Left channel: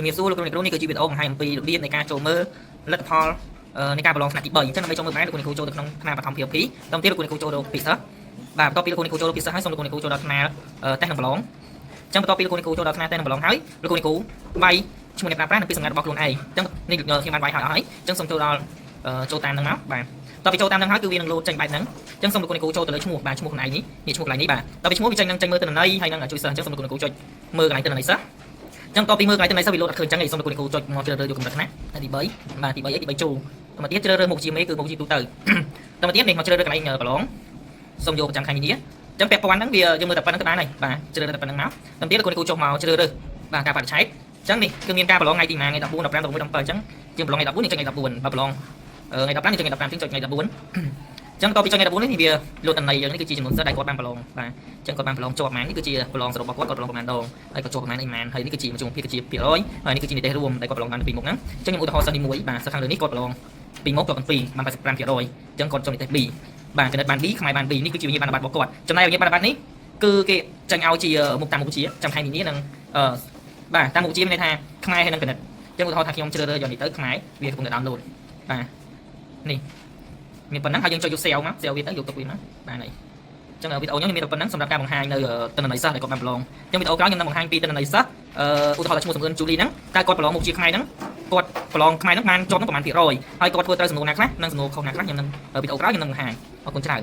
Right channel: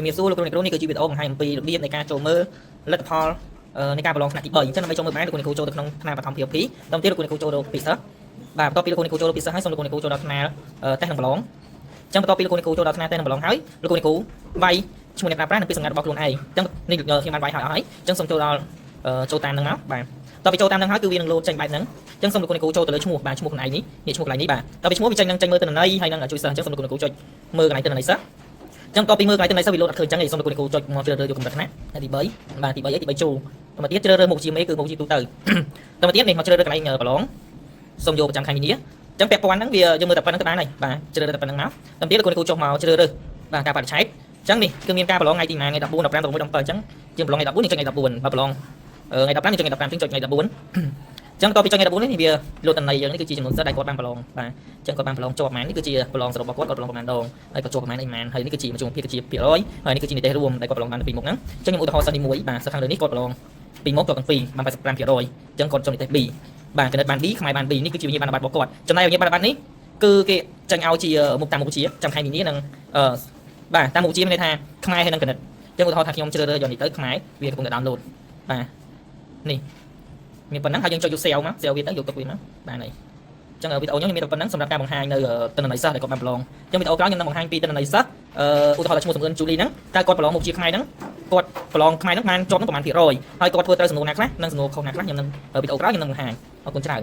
ជំរាបសួរលោកគ្រូនេះគឺជាវីដេអូបង្ហាញអំពីរបៀបនៃការចូលមើលលទ្ធផលនៃការប្រឡងថ្នាក់ទី3អញ្ចឹងដើម្បីចូលមើលបានលោកគ្រូចូលទៅក្នុងថ្នាក់បឋមភាគ2ដល់ទៀតលោកគ្រូចូលទៅពិសេសបាទបន្ទាប់ពីលោកគ្រូចូលទៅពិសេសហើយសូមលោកគ្រូចូលដល់ថ្នាក់តេស្តនឹងប្រឡងអញ្ចឹងបន្ទាប់ពីលោកគ្រូចូលដល់ថ្នាក់តេស្តនឹងប្រឡងហើយលោកគ្រូវាយឈ្មោះអ្នកប្រើប្រាស់និងពាក្យសម្ងាត់របស់ខ្លួនឯងអញ្ចឹងនេះខ្ញុំបានវាយហើយអស់ហើយអញ្ចឹងសូមចូលដល់ចូលតាមនឹងមកបាទតទៅចូលតាមនឹងហើយគឺវានឹងលោតចេញបែបហ្នឹងអញ្ចឹងសូមលោកគ្រូចូលទៅលើឈ្មោះបាទឈ្មោះខ្លួនឯងនេះឈ្មោះកន្លែងនេះបាទតទៅឈ្មោះវាចេញនឹងចេញមើលទិន្នន័យហើយនឹងជួយសិស្សអញ្ចឹងសូមលោកគ្រូចុចមើលកន្លែងទិន្នន័យសិស្សអញ្ចឹងតពីមើលកន្លែងទិន្នន័យសិស្សវាលោតអត់ឃើញអញ្ចឹងឯងសូមលោកគ្រូចុចមកជ្រើសរើសយកកម្រិតណាទី3បាទទី3ទី3ចូលទៅមកទៀតជ្រើសរើសមុខជាមេគឺមុខជាទូទៅទៅមកទៀតនេះមកជ្រើសរើសកន្លែងប្រឡងសូមយកប្រចាំខែមីនាអញ្ចឹងពាក់ព័ន្ធហ្នឹងវាយើងមើលតែប៉ុណ្្នឹងទៅបានហើយបាទជ្រើសរើសតែប៉ុណ្្នឹងមកទៅទៀតលោកគ្រូចុះមកជ្រើសរើសបាទការបរិច្ឆេទអញ្ចឹងនេះគឺមានការប្រឡងថ្ងៃទី1ថ្ងៃ14 15 16 17អញ្ចឹងជាប្រឡងថ្ងៃ14នេះចុចថ្ងៃ14បើប្រឡងថ្ងៃ15នេះចុចថ្ងៃ15ចុចថ្ងៃ14អញ្ចឹងតពីចុចថ្ងៃ14នេះវាលោតតន័យយើងនេះគឺជាចំនួនសិស្សដែលគាត់បានប្រឡងបាទអញ្ចឹងគាត់បានប្រឡងជាប់ប្រហែលនេះគឺជាប្រឡងសរុបរបស់គាត់ប្រឡងប្រហែលដងហើយគាត់ជាប់ប្រហែលអីប្រហែលហើយនេះគឺជាមជ្ឈមភាគគឺជាភាគរយហើយនេះគឺជានិទេសរួមដែលគាត់ប្រឡងបានពីមុខហ្នឹងអញ្ចឹងខ្ញុំឧទាហរណ៍សិស្សទី1បាទសិស្សខាងលើនេះគាត់ប្រឡងពីមុខគាត់ទាំងពីរបាន 85% អញ្ចឹងគាត់ចុះនិទេស B បាទចំណិតបាន B ខ្មែរបាន B នេះគឺជាវិញ្ញាបនបត្ររបស់គាត់ចំណែកវិញ្ញាបនបត្រនេះគឺគេចាញ់ឲ្យជាមុខតាមមុខវិជ្ជាចាំខែមីនានិងបាទតាមមុខវិជ្ជាមានន័យថាខ្មែរហើយនិងគណិតអញ្ចឹងឧទាហរណ៍ថាខ្ញុំជ្រើសរើសយកនេះទៅខ្មែរវាកំពុងតែ download បាទនេះមានប៉ុណ្ណឹងហើយយើងចុចយក save មក save វាទៅយកទៅវាមកបាទនេះអញ្ចឹងវីដេអូនេះមានតែប៉ុណ្ណឹងសម្រាប់ការបង្ហាញនៅទិន្នន័យសិស្សដែលគាត់បានប្រឡងអញ្ចឹងវីដេអូក្រោយខ្ញុំនឹងបង្ហាញពីទិន្នន័យសិស្សឧទាហរណ៍ថាឈ្មោះសំអឿនជូលីហ្នឹងតើគាត់ប្រឡងមុខជាខ្មែរហ្នឹងគាត់ប្រឡងខ្មែរហ្នឹងបានជាប់ហ្នឹងប្រហែលភាគរយហើយគាត់ធ្វើត្រូវសំណួរណាខ្លះនិងសំណួរខុសណាខ្លះខ្ញុំនឹងវីដេអូក្រោយខ្ញុំនឹងបង្ហាញអរគុណច្រើន